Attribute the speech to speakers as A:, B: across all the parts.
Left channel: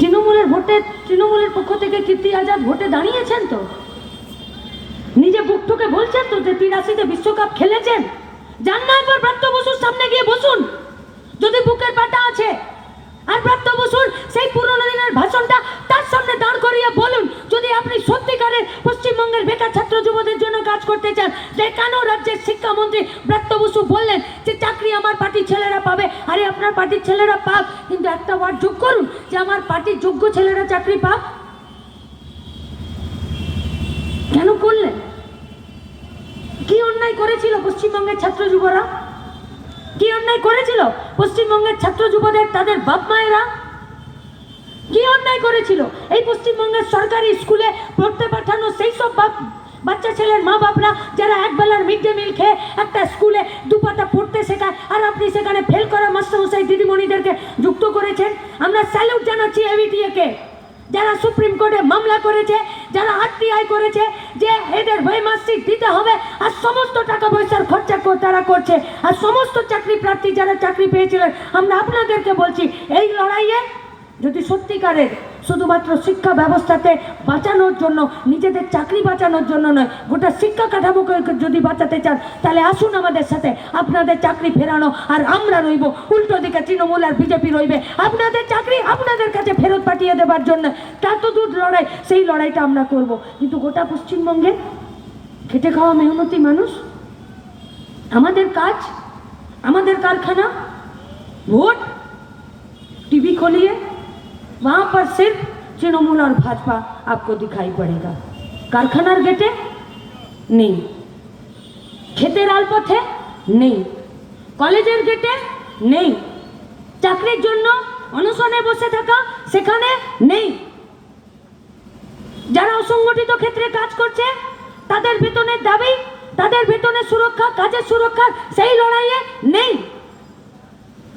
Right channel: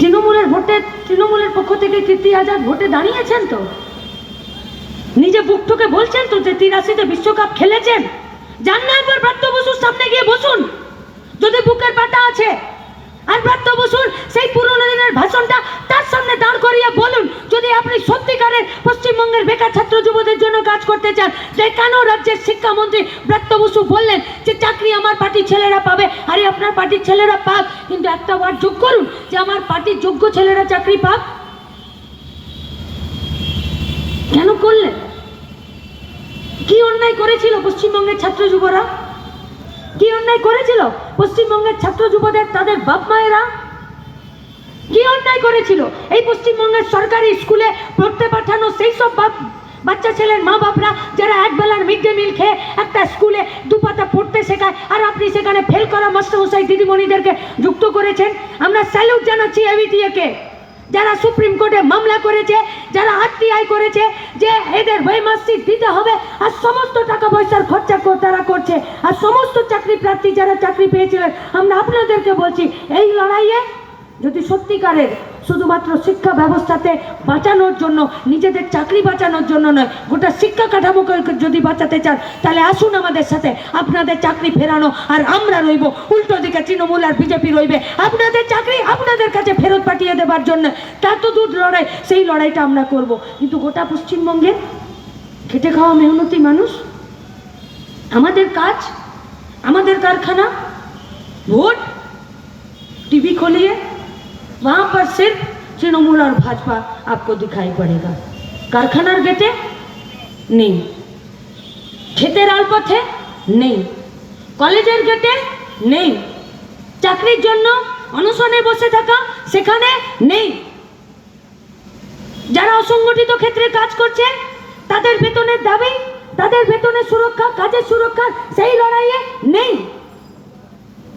A: তৃণমূলের ভোটে, তৃণমূলের পক্ষ থেকে কীর্তি আজাদ ভোটে দাঁড়িয়েছেন তো? নিজে বুকটুকে বলছেন তো যে তিরাশিতে বিশ্বকাপ খেলেছেন? যান না ব্রাত্য বসুর সামনে গিয়ে বসুন। যদি বুকের পাটা আছে আর ব্রাত্য বসুর সেই পুরনো দিনের ভাষণটা তার সামনে দাঁড় করিয়ে বলুন যদি আপনি সত্যিকারের পশ্চিমবঙ্গের বেকার ছাত্র যুবদের জন্য কাজ করতে চান। তাই কেন রাজ্যের শিক্ষামন্ত্রী ব্রাত্য বসু বললেন যে, চাকরি আমার পার্টির ছেলেরা পাবে। আরে, আপনার পার্টির ছেলেরা পাক। কিন্তু একটা ওয়ার্ড যোগ করুন যে, আমার পার্টির যোগ্য ছেলেরা চাকরি পাক। কেন করলেন? কি অন্যায় করেছিল পশ্চিমবঙ্গের ছাত্র যুবরা? কি অন্যায় করেছিল পশ্চিমবঙ্গের ছাত্র যুবদের তাদের বাপ মায়েরা? কি অন্যায় করেছিল? এই পশ্চিমবঙ্গের সরকারি স্কুলে পড়তে সেই সব বাচ্চা ছেলের মা বাপরা যারা একবেলার মিড ডে মিল খেয়ে একটা স্কুলে দুপাতা পড়তে শেখায়, আর আপনি সেখানে ফেল করা মাস্টারমশাই দিদিমণিদেরকে যুক্ত করেছেন, আমরা স্যালুট জানাচ্ছি এবিটিএকে যারা সুপ্রিম কোর্টে মামলা করেছে, যারা আরটিআই করেছে যে এদের বইমাসিক দিতে হবে, আর সমস্ত টাকা পয়সার খরচা তারা করছে, আর সমস্ত চাকরি প্রার্থী যারা চাকরি পেয়েছিলেন, আমরা আপনাদেরকে বলছি, এই লড়াইয়ে যদি সত্যিকারের শুধুমাত্র শিক্ষা ব্যবস্থাতে বাঁচানোর জন্য, নিজেদের চাকরি বাঁচানোর জন্য নয়, গোটা শিক্ষা কাঠামোকে যদি বাঁচাতে চান, তাহলে আসুন আমাদের সাথে, আপনাদের চাকরি ফেরানো আর আমরা রইব। উল্টো দিকে তৃণমূল আর বিজেপি রইবে। আপনাদের চাকরি আপনাদের কাছে ফেরত পাঠিয়ে দেবার জন্য। তা তো দূর লড়াই, সেই লড়াইটা আমরা করব। কিন্তু গোটা পশ্চিমবঙ্গে খেটে খাওয়া মেহনতি মানুষ, আমাদের কাজ, আমাদের কারখানা, ভোট, টিভি খলিয়ে वहाँ पर सिर्फ तृणमूल और भाजपा आपको दिखाई पड़ेगा कारखानार गेटे নেই ক্ষেতের আলপথে নেই কলেজের গেটে নেই চাকরির জন্য অনশনে বসে থাকা সেখানে নেই যারা অসংগঠিত ক্ষেত্রে কাজ করছে তাদের বেতনের দাবি তাদের বেতনের সুরক্ষা কাজের সুরক্ষা সেই লড়াইয়ে নেই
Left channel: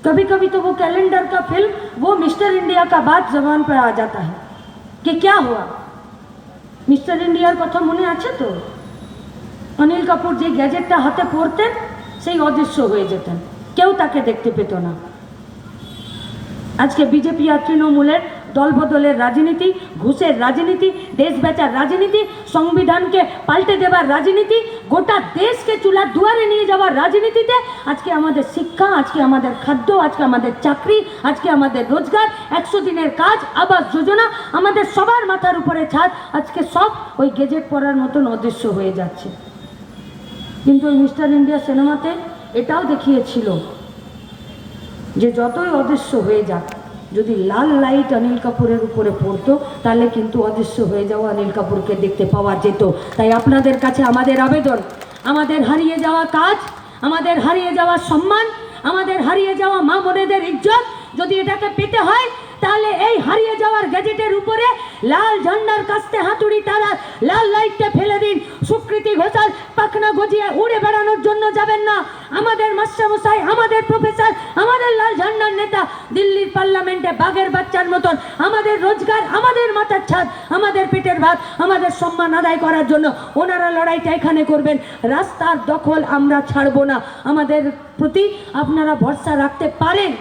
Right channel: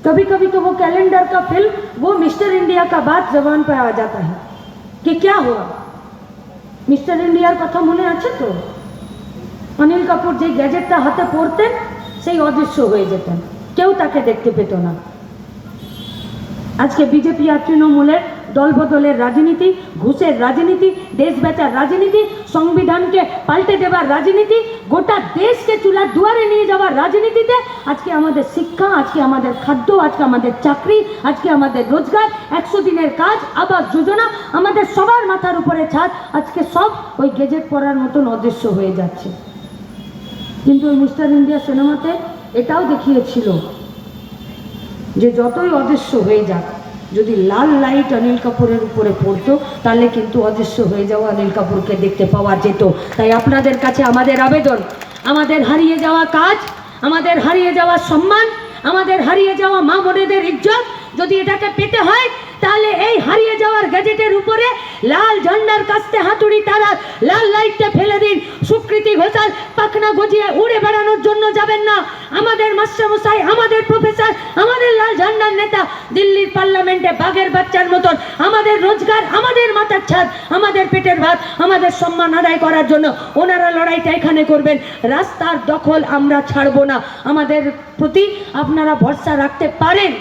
A: कभी कभी तो वो कैलेंडर का फिल्म वो मिस्टर इंडिया का बात जबान पर आ जाता है कि क्या हुआ মিস্টার ইন্ডিয়ার কথা মনে আছে তো অনিল কাপুর যে গ্যাজেটটা হাতে পড়তেন সেই অদৃশ্য হয়ে যেতেন কেউ তাকে দেখতে পেত না আজকে বিজেপি আর তৃণমূলের দলবদলের রাজনীতি, ঘুষের রাজনীতি, দেশ বেচার রাজনীতি, সংবিধানকে পাল্টে দেবার রাজনীতি, গোটা দেশকে চুলার দুয়ারে নিয়ে যাওয়ার রাজনীতিতে আজকে আমাদের শিক্ষা, আজকে আমাদের খাদ্য, আজকে আমাদের চাকরি, আজকে আমাদের রোজগার, একশো দিনের কাজ, আবাস যোজনা, আমাদের সবার মাথার উপরে ছাদ, আজকে সব ওই গেজেট পড়ার মতন অদৃশ্য হয়ে যাচ্ছে। কিন্তু ওই মিস্টার ইন্ডিয়া সিনেমাতে এটাও দেখিয়েছিল যে যতই অদৃশ্য হয়ে যাক যদি লাল লাইট অনিল কাপুরের উপরে পড়তো, তাহলে কিন্তু অদৃশ্য হয়ে যাওয়া অনিল কাপুরকে দেখতে পাওয়া যেত। তাই আপনাদের কাছে আমাদের আবেদন, আমাদের হারিয়ে যাওয়া কাজ, আমাদের হারিয়ে যাওয়া সম্মান, আমাদের হারিয়ে যাওয়া মা বোনেদের ইজ্জত যদি এটাকে পেতে হয়, তাহলে এই হারিয়ে যাওয়ার গ্যাজেটের উপরে লাল ঝান্ডার কাস্তে হাতুড়ি তারা লাল লাইটটা ফেলে দিন। সুকৃতি ঘোষাল পাখনা গজিয়ে উড়ে বেড়ানোর জন্য যাবেন না আমাদের মাস্টারমশাই আমাদের প্রফেসর আমাদের লাল ঝান্ডার নেতা দিল্লির পার্লামেন্টে বাঘের বাচ্চার মতন, আমাদের রোজগার, আমাদের মাথার ছাদ, আমাদের পেটের ভাত, আমাদের সম্মান আদায় করার জন্য ওনারা লড়াইটা এখানে করবেন। রাস্তার দখল আমরা ছাড়বো না। আমাদের প্রতি আপনারা ভরসা রাখতে পারেন।